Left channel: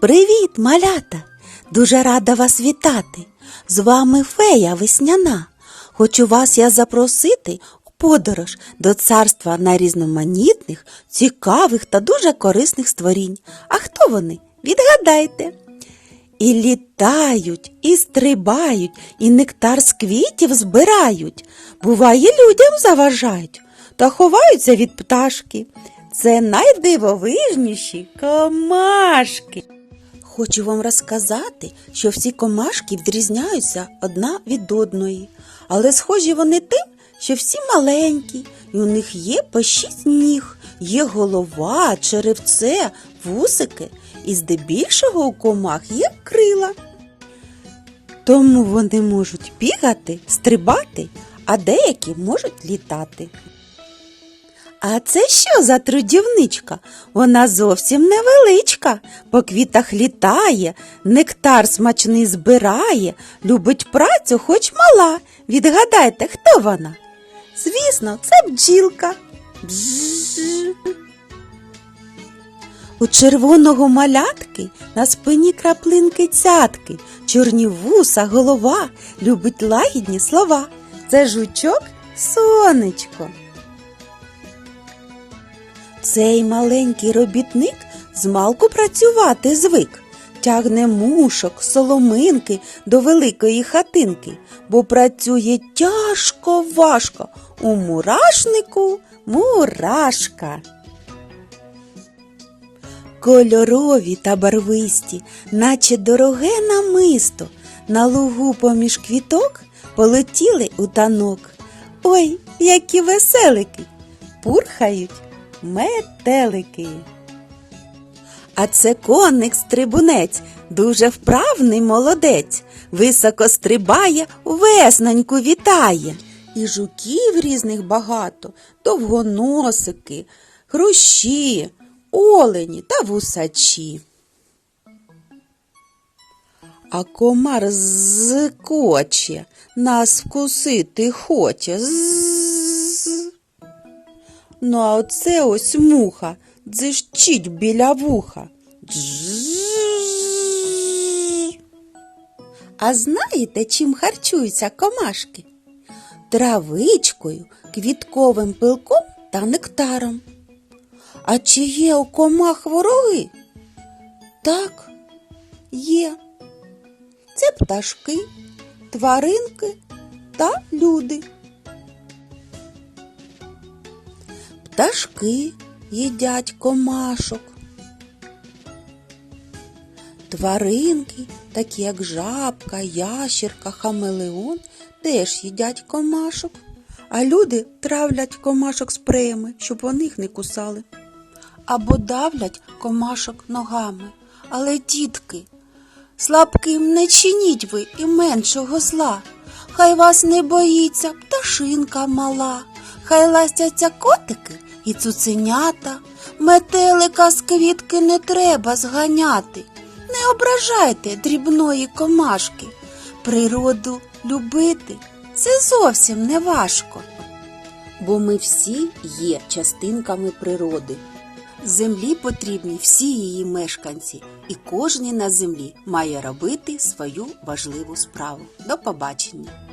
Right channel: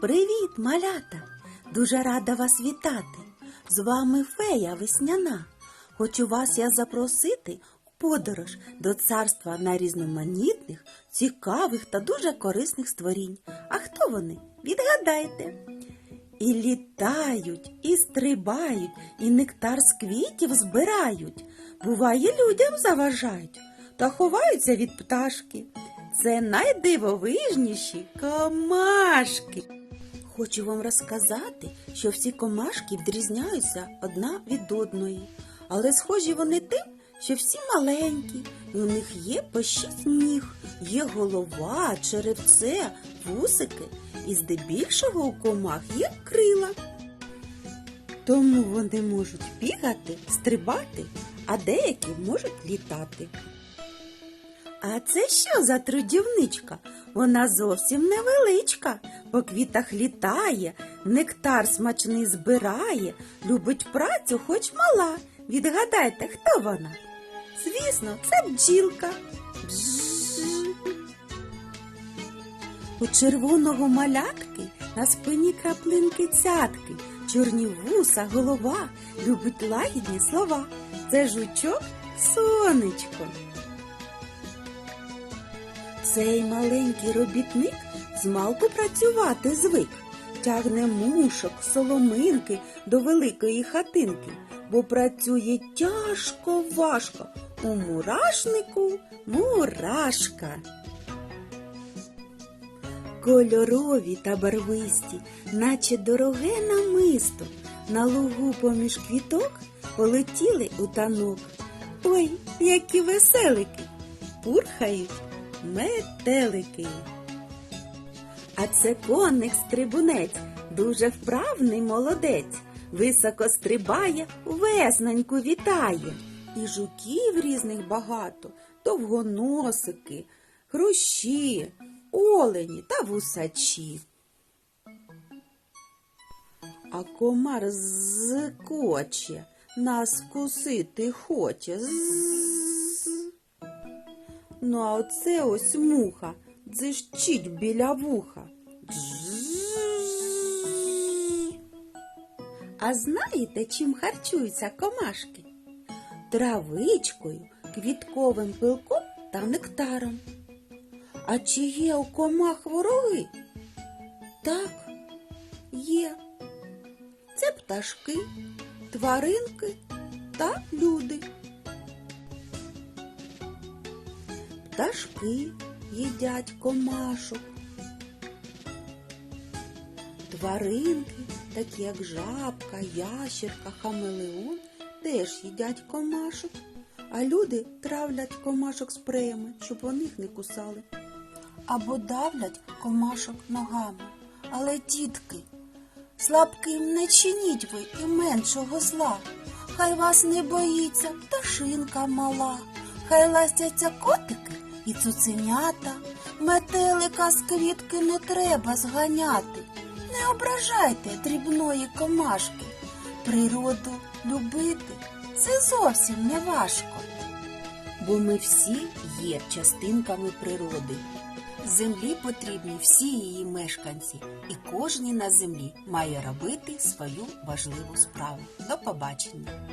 Привіт, малята! Дуже рада вас вітати. З вами фея весняна. Хочу вас я запросити у подорож до царства найрізноманітних, цікавих та дуже корисних створінь. А хто вони? Відгадайте. І літають, і стрибають, і нектар з квітів збирають. Буває, людям заважають та ховаються від пташки. Це найдивовижніші комашки. Хочу вам розказати, що всі комашки відрізняються одна від одної, але схожі вони тим, що всі маленькі, і у них є по шість ніг, є голова, черевце, вусики, і здебільшого у комах є крила. Тому вони можуть бігати, стрибати, а деякі можуть літати. А це що за трудівничка? Вона зовсім невеличка, по квітах літає, нектар смачний збирає, любить працю, хоч мала. Відгадайте, хто вона? Звісно, це бджілка. У червоного малятки на спині краплинки цятки, чорні вуса, голова, любить лагідні слова. Це жучок сонечко. Цей маленький робітник змалку працювати звик, тягне мушок, соломинки до великої хатинки, бо працює тяжко важко у мурашнику мурашка. Кольорові та барвисті, наче дороге намисто, на лугу поміж квіток полетіли у танок. Ой, які веселики! Пурхають метелики. А це коник стрибунець, дуже вправний молодець, високо стрибає, весноньку вітає. І жуків різних багато, довгоносики, хрущі, олені та вусачі. А комар зкоче, нас вкусити хоче. З. Ну, а оце ось муха дзищить біля вуха. А знаєте, чим харчуються комашки? Травичкою, квітковим пилком та нектаром. А чи є у комах вороги? Так, є. Це пташки, тваринки та люди. Пташки їдять комашок. Тваринки, такі як жабка, ящерка, хамелеон, теж їдять комашок. А люди травлять комашок спреями, щоб вони їх не кусали. Або давлять комашок ногами. Але, дітки, слабким не чиніть ви і меншого зла. Хай вас не боїться пташинка мала, хай ластяться котики і цуценята, метелика з квітки не треба зганяти. Не ображайте дрібної комашки. Природу любити це зовсім не важко. Бо ми всі є частинками природи. Землі потрібні всі її мешканці, і кожен на землі має робити свою важливу справу. До побачення!